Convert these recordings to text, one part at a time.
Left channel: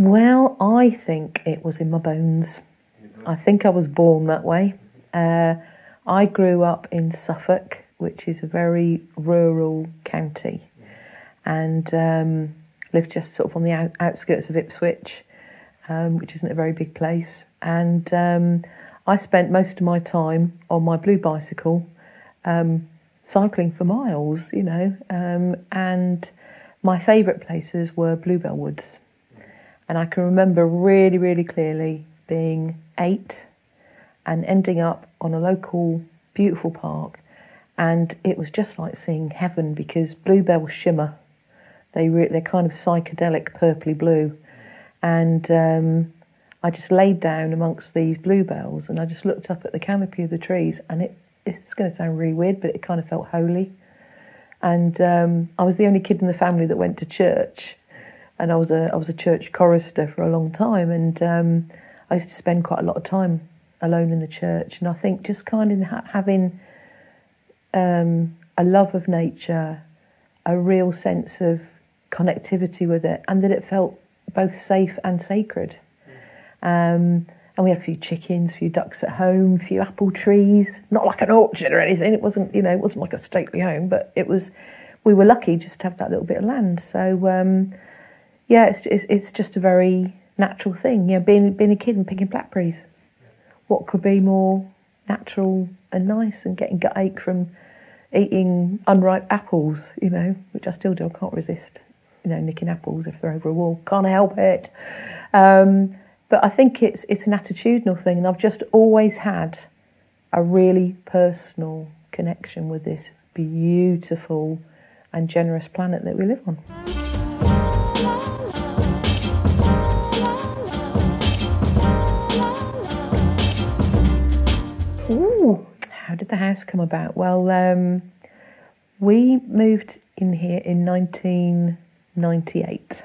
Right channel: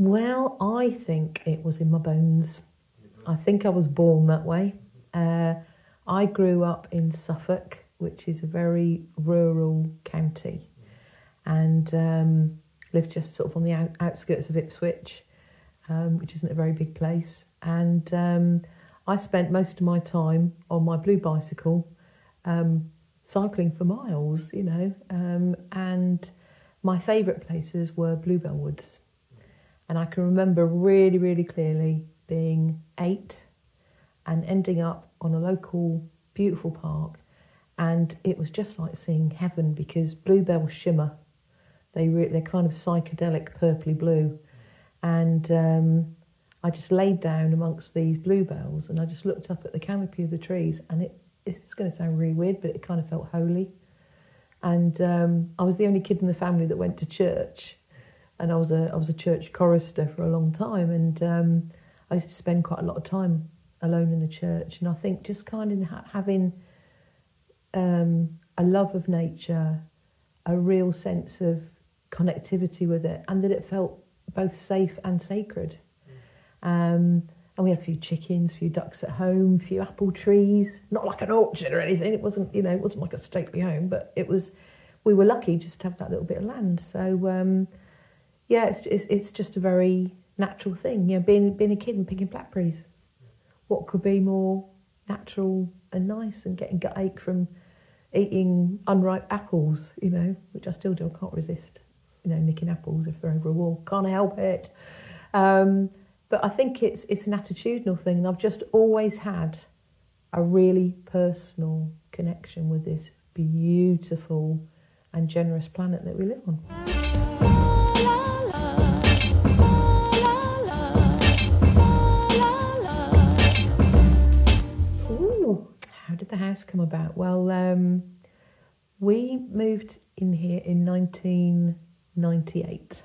Well, I think it was in my bones. I think I was born that way. I grew up in Suffolk, which is a very rural county, and lived just sort of on the outskirts of Ipswich, which isn't a very big place. And I spent most of my time on my blue bicycle, cycling for miles, and my favourite places were Bluebell Woods. And I can remember really, really clearly being 8 and ending up on a local beautiful park, and it was just like seeing heaven because bluebells shimmer. They're kind of psychedelic purpley blue, and I just laid down amongst these bluebells and I just looked up at the canopy of the trees, and it's going to sound really weird, but it kind of felt holy. And I was the only kid in the family that went to church. And I was a church chorister for a long time, and I used to spend quite a lot of time alone in the church. And I think just kind of having a love of nature, a real sense of connectivity with it, and that it felt both safe and sacred. And we had a few chickens, a few ducks at home, a few apple trees. Not like an orchard or anything. It wasn't, it wasn't like a stately home, but it was. We were lucky just to have that little bit of land. So. Yeah, it's just a very natural thing. Being a kid and picking blackberries. What could be more natural and nice, and getting gut ache from eating unripe apples, which I still do. I can't resist, nicking apples if they're over a wall. Can't help it. But I think it's an attitudinal thing, and I've just always had a really personal connection with this beautiful and generous planet that we live on. Ooh, how did the house come about? Well, we moved in here in 1998.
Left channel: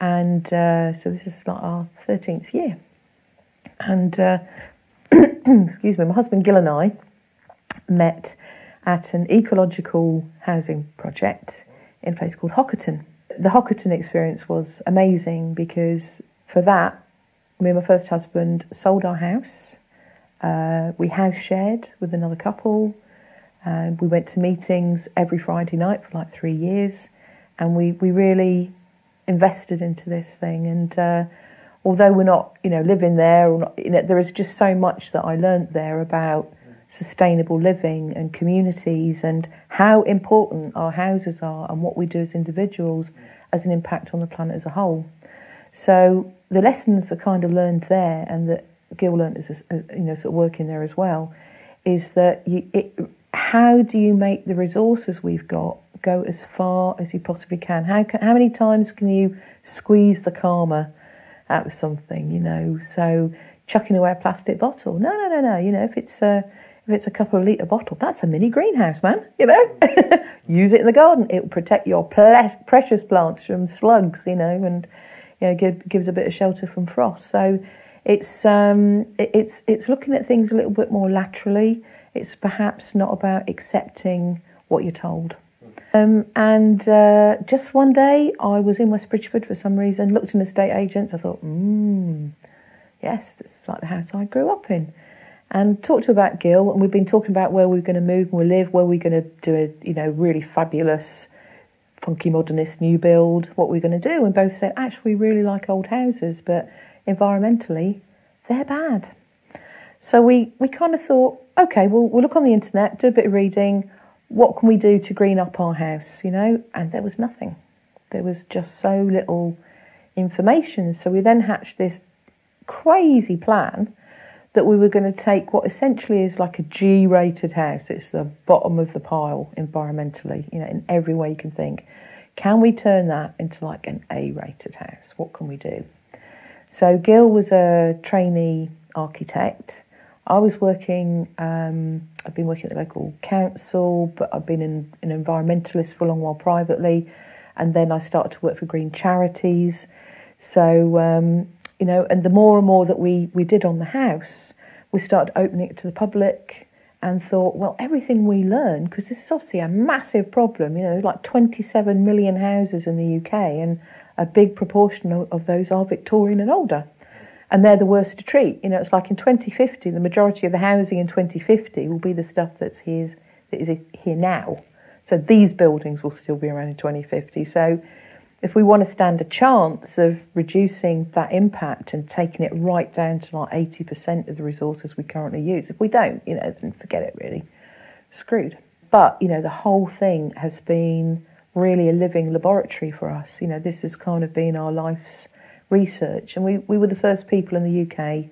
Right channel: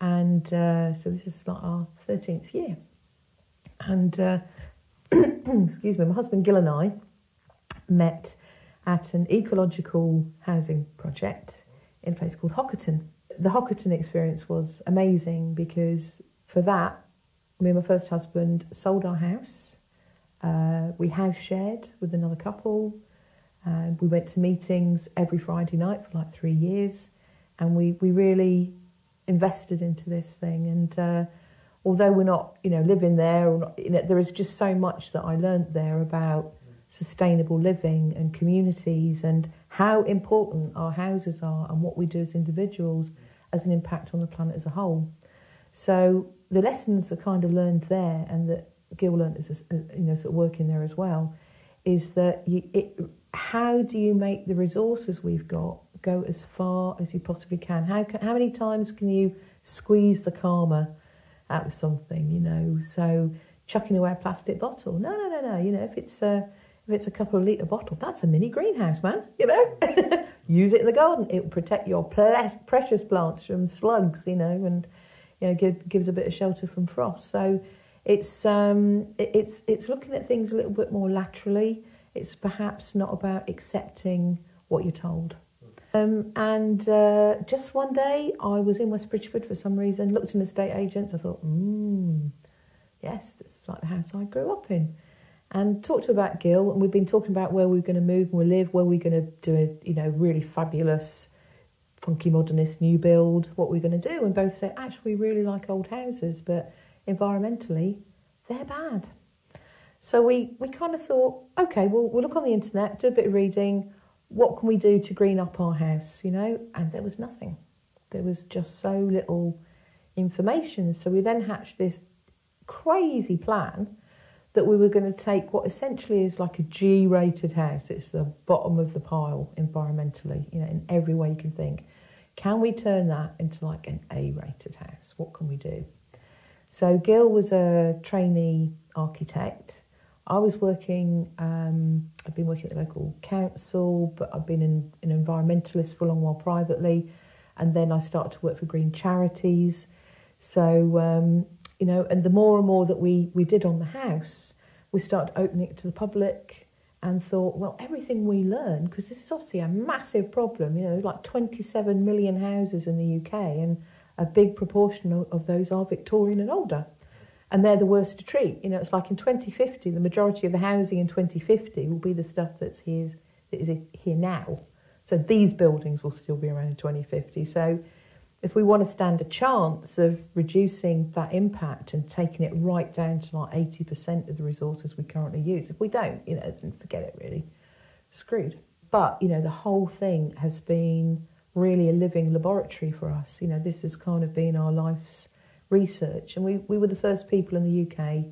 And so this is like our 13th year. And, excuse me, my husband Gil and I met at an ecological housing project in a place called Hockerton. The Hockerton experience was amazing because for that, me and my first husband sold our house. We house shared with another couple, and we went to meetings every Friday night for like 3 years, and we really invested into this thing. And although we're not living there, or not, there is just so much that I learnt there about sustainable living and communities, and how important our houses are and what we do as individuals as an impact on the planet as a whole. So the lessons are kind of learned there, and that Gil learnt as sort of working there as well, is that how do you make the resources we've got go as far as you possibly can? How many times can you squeeze the karma out of something? So chucking away a plastic bottle, no. If it's a couple of litre bottle, that's a mini greenhouse, man. Use it in the garden. It will protect your precious plants from slugs, and gives a bit of shelter from frost. So. It's looking at things a little bit more laterally. It's perhaps not about accepting what you're told. And just one day, I was in West Bridgford for some reason, looked in estate agents. I thought, yes, this is like the house I grew up in. And talked to about Gil, and we've been talking about where we're going to move and we live, where we're going to do a really fabulous, funky modernist new build, what we're going to do. And both said, actually, we really like old houses, but environmentally, they're bad. So we kind of thought, okay, we'll look on the internet, do a bit of reading. What can we do to green up our house, And there was nothing. There was just so little information. So we then hatched this crazy plan that we were going to take what essentially is like a G-rated house. It's the bottom of the pile environmentally, in every way you can think. Can we turn that into like an A-rated house? What can we do? So Gil was a trainee architect. I was working, I've been working at the local council, but I've been an environmentalist for a long while privately. And then I started to work for green charities. So, and the more and more that we did on the house, we started opening it to the public and thought, well, everything we learn, because this is obviously a massive problem, like 27 million houses in the UK, and a big proportion of those are Victorian and older. And they're the worst to treat. You know, it's like in 2050, the majority of the housing in 2050 will be the stuff that is here now. So these buildings will still be around in 2050. So if we want to stand a chance of reducing that impact and taking it right down to like 80% of the resources we currently use, if we don't, you know, then forget it really. Screwed. But, you know, the whole thing has been really a living laboratory for us. You know, this has kind of been our life's research, and we were the first people in the UK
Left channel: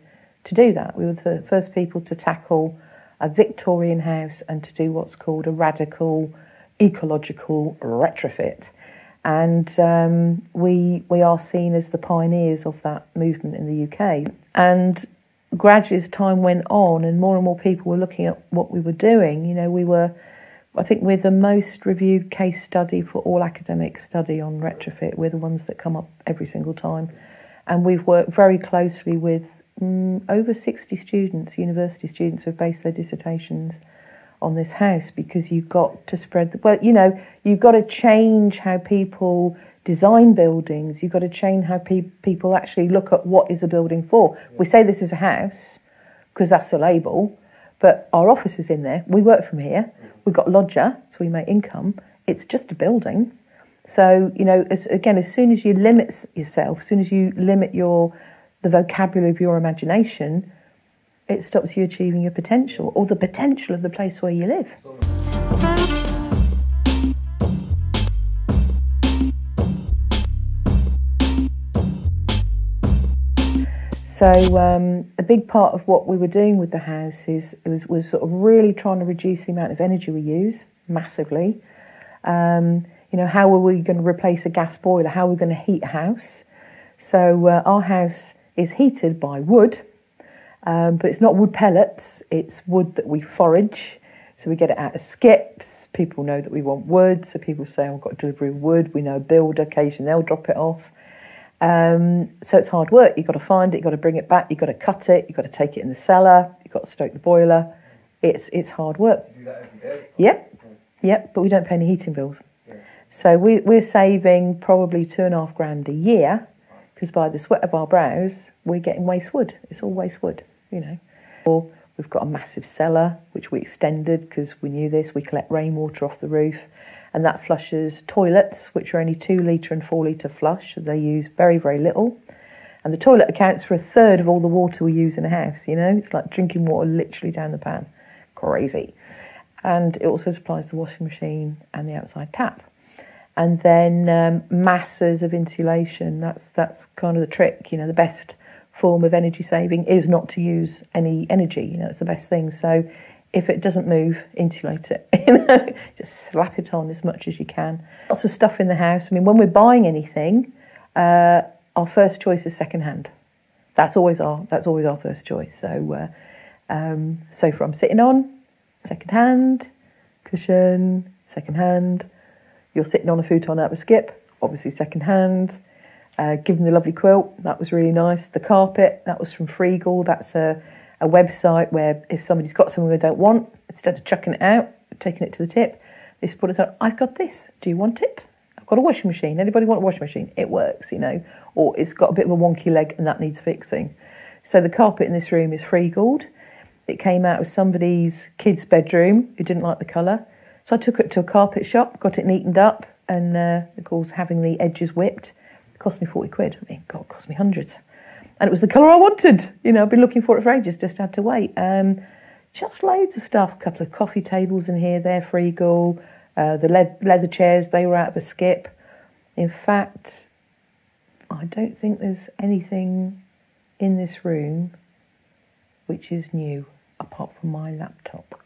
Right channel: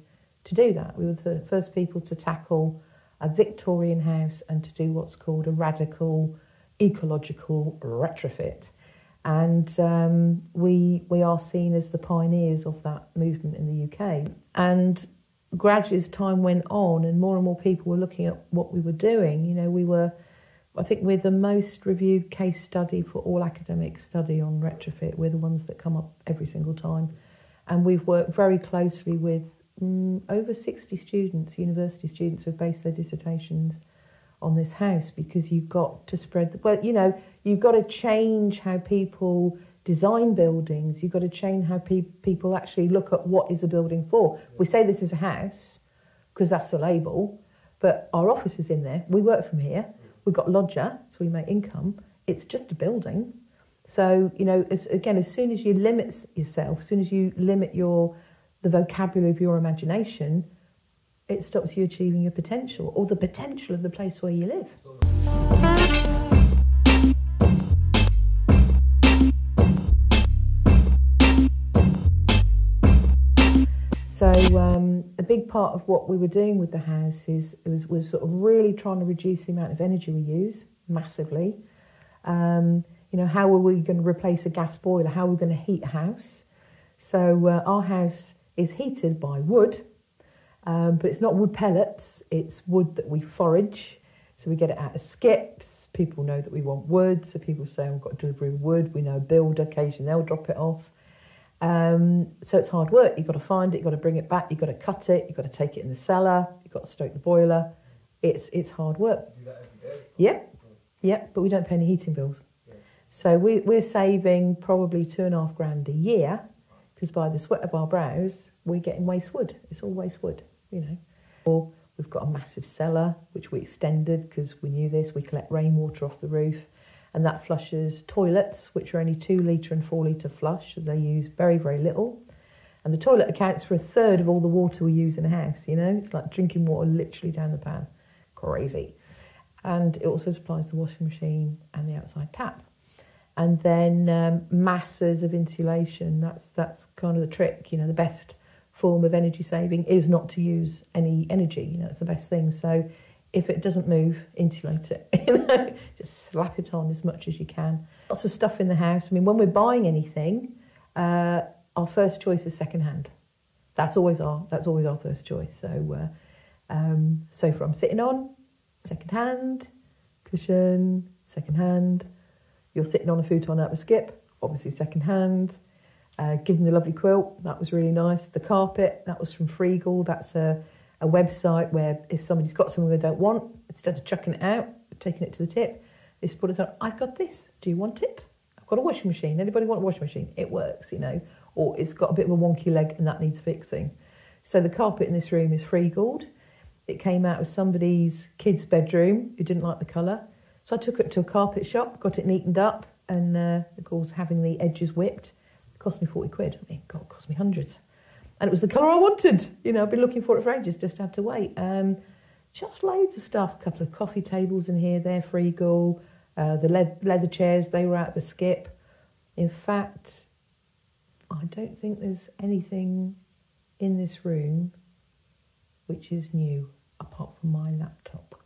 to do that. We were the first people to tackle a Victorian house and to do what's called a radical ecological retrofit. And we are seen as the pioneers of that movement in the UK. And gradually as time went on and more people were looking at what we were doing, you know, I think we're the most reviewed case study for all academic study on retrofit. We're the ones that come up every single time. And we've worked very closely with over 60 students, university students, who have based their dissertations on this house, because you've got to spread you've got to change how people design buildings. You've got to change how people actually look at what is a building for. We say this is a house because that's a label, but our office is in there. We work from here. We've got lodger, so we make income. It's just a building. So, you know, as soon as you limit yourself, as soon as you limit the vocabulary of your imagination, it stops you achieving your potential, or the potential of the place where you live. So a big part of what we were doing with the house was sort of really trying to reduce the amount of energy we use massively. You know, how are we going to replace a gas boiler? How are we going to heat a house? So our house is heated by wood, but it's not wood pellets, it's wood that we forage. So we get it out of skips. People know that we want wood, so people say, I've got delivery of wood. We know a builder, occasionally they'll drop it off. So it's hard work. You've got to find it, you've got to bring it back, you've got to cut it, you've got to take it in the cellar, you've got to stoke the boiler. It's hard work. Do you do that every day? Yep, but we don't pay any heating bills. So we're saving probably £2,500 a year, because by the sweat of our brows, we're getting waste wood. It's all waste wood, you know. Or we've got a massive cellar, which we extended because we knew this. We collect rainwater off the roof, and that flushes toilets, which are only 2 litre and 4 litre flush. They use very, very little. And the toilet accounts for 1/3 of all the water we use in a house, you know. It's like drinking water literally down the pan. Crazy. And it also supplies the washing machine and the outside tap. And then masses of insulation. That's kind of the trick. You know, the best form of energy saving is not to use any energy. You know, it's the best thing. So if it doesn't move, insulate it. You know, just slap it on as much as you can. Lots of stuff in the house. I mean, when we're buying anything, our first choice is second-hand. That's always our first choice. So sofa I'm sitting on, second-hand. Cushion, second-hand. You're sitting on a futon out of a skip, obviously second-hand. Given the lovely quilt, that was really nice. The carpet, that was from Freegal. That's a website where if somebody's got something they don't want, instead of chucking it out, taking it to the tip, they just put it on, I've got this, do you want it? I've got a washing machine, anybody want a washing machine? It works, you know. Or it's got a bit of a wonky leg and that needs fixing. So the carpet in this room is Freegal. It came out of somebody's kid's bedroom who didn't like the colour. So I took it to a carpet shop, got it neatened up, and of course having the edges whipped, it cost me 40 quid. I mean, God, it cost me hundreds. And it was the colour I wanted. You know, I've been looking for it for ages, just had to wait. Just loads of stuff, a couple of coffee tables in here, they're Freegal. The leather chairs, they were out of a skip. In fact, I don't think there's anything in this room which is new, apart from my laptop.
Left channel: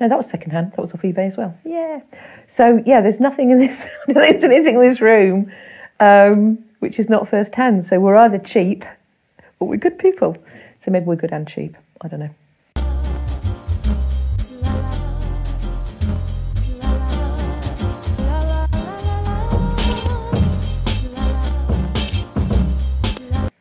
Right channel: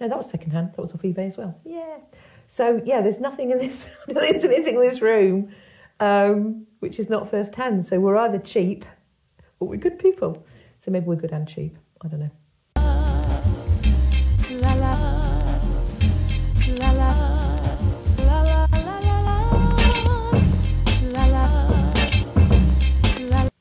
No, that was second-hand. That was off eBay as well. Yeah. So, yeah, there's nothing in this, there's anything in this room which is not first-hand. So we're either cheap or we're good people. So maybe we're good and cheap. I don't know.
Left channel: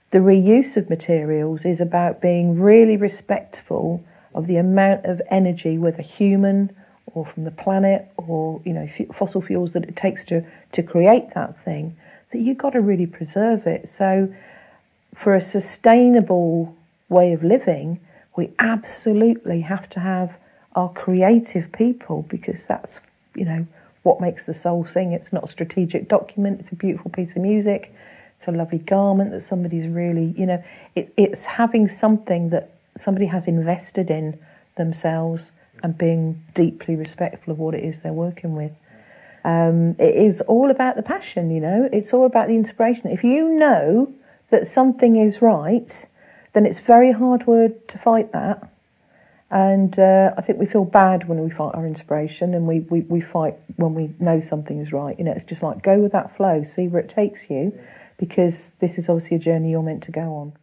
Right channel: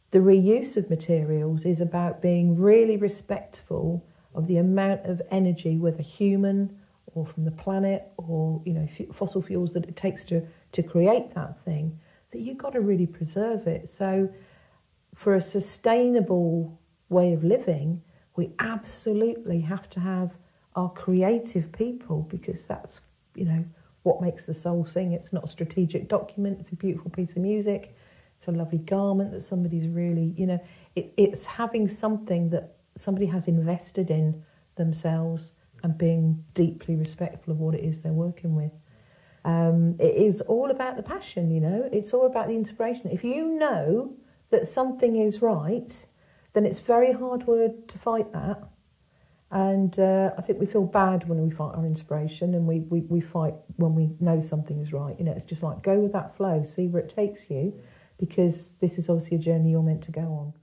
The reuse of materials is about being really respectful of the amount of energy, whether human or from the planet or, you know, fossil fuels that it takes to create that thing that you've got to really preserve it. So for a sustainable way of living, we absolutely have to have our creative people, because that's, you know, what makes the soul sing. It's not a strategic document, it's a beautiful piece of music, it's a lovely garment that somebody's really, you know, it's having something that somebody has invested in themselves and being deeply respectful of what it is they're working with. It is all about the passion, you know, it's all about the inspiration. If you know that something is right, then it's very hard work to fight that. And I think we feel bad when we fight our inspiration, and we fight when we know something is right. You know, it's just like, go with that flow, see where it takes you, because this is obviously a journey you're meant to go on.